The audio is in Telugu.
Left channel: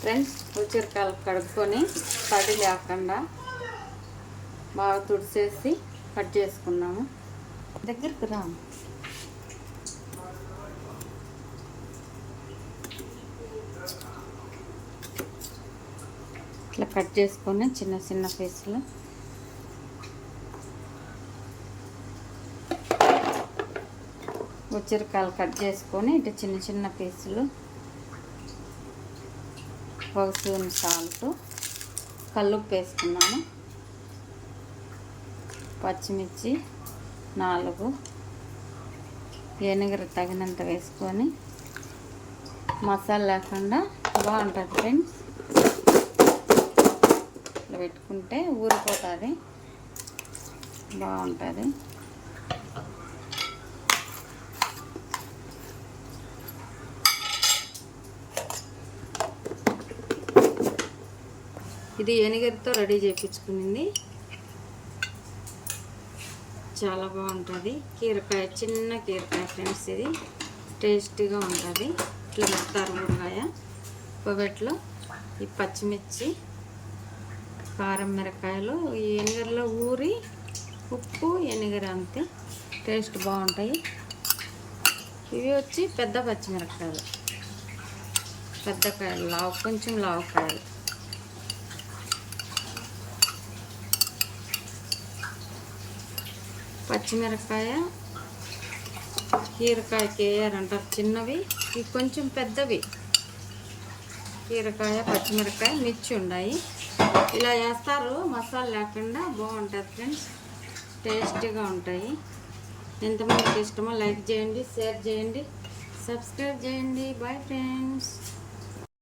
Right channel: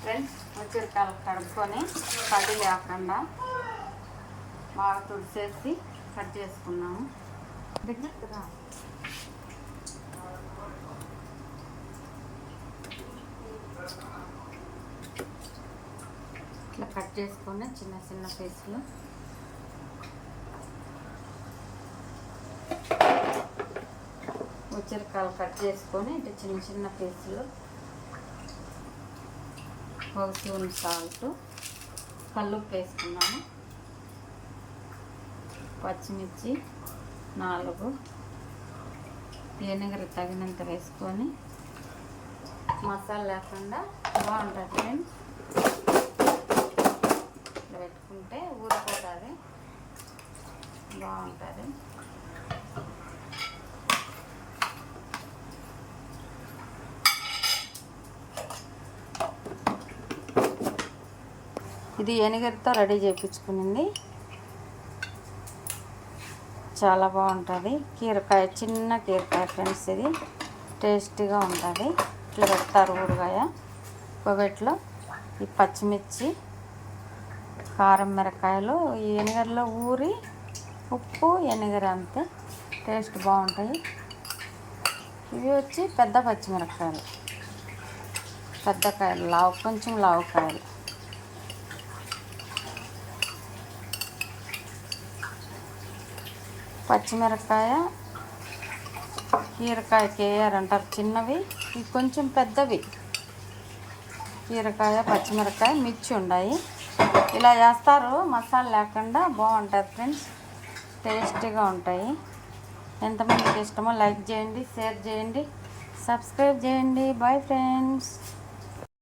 ఫ్రెండ్స్, ఉసిరికాయలు కడుక్కొని తడి లేకుండా బాగా తుడిచేసి కట్ చేసుకున్నాము. దగ్గరికి రా. ఇట్లా కట్ చేసుకొని చిన్న చిన్న పీసులు ఉసిరికాయలు కట్ చేసుకొని ఇట్లా చిన్న చిన్న పీసులు, ఒక స్పూన్ సాల్ట్, కల్లుప్పు వేసుకున్నాము, పచ్చిమిర్చి 4, వెనిగర్ తగినంత వేసుకొని మసాలా లేకుండా బాగుంటుంది ఫ్రెండ్స్. ఇట్లా పెట్టుకుంటే ఊరిపోతుంది, బాగుంటుంది. ఇది వెనిగర్తో రెడీ చేయించుకునింది, చాలా బాగుంటుంది. కీరకాయ, చిన్న కీరకాయ ఫ్రెండ్స్, ఇది టేస్టీగా ఉంటుంది. ఇట్లా పెడతారు ఊరగాయ. కొవ్వెట్లో ఈ పచ్చిమిర్చి, కారం, మిరకాయలు ఈ వెనిగర్లో ఊరి, ఉప్పు, వెనిగర్ అంతే, టేస్ట్ బాగుంటాయి. ఇవి వచ్చి పెద్ద పచ్చిమిరకాయలు, పెద్ద కాయలు, కొంచెం లావు కాయలు. పచ్చిమిరకాయ కీరకాయకి వేయారంటారు చిన్నవి, ఇవి కొంచెం పెద్దవి. కీరకాయ, పచ్చిమిరకాయ, మిర్చి ఉన్నాయి. ఇలా వేస్తారు మసాలా లేకుండా, బాగుంటుంది ఫ్రెండ్స్, టేస్టీగా ఉంటాయి. ఎంతమందికి ఇష్టమో లైక్ చేయండి, షేర్ చేయండి, సబ్స్క్రైబ్ చేయండి. Bye friends.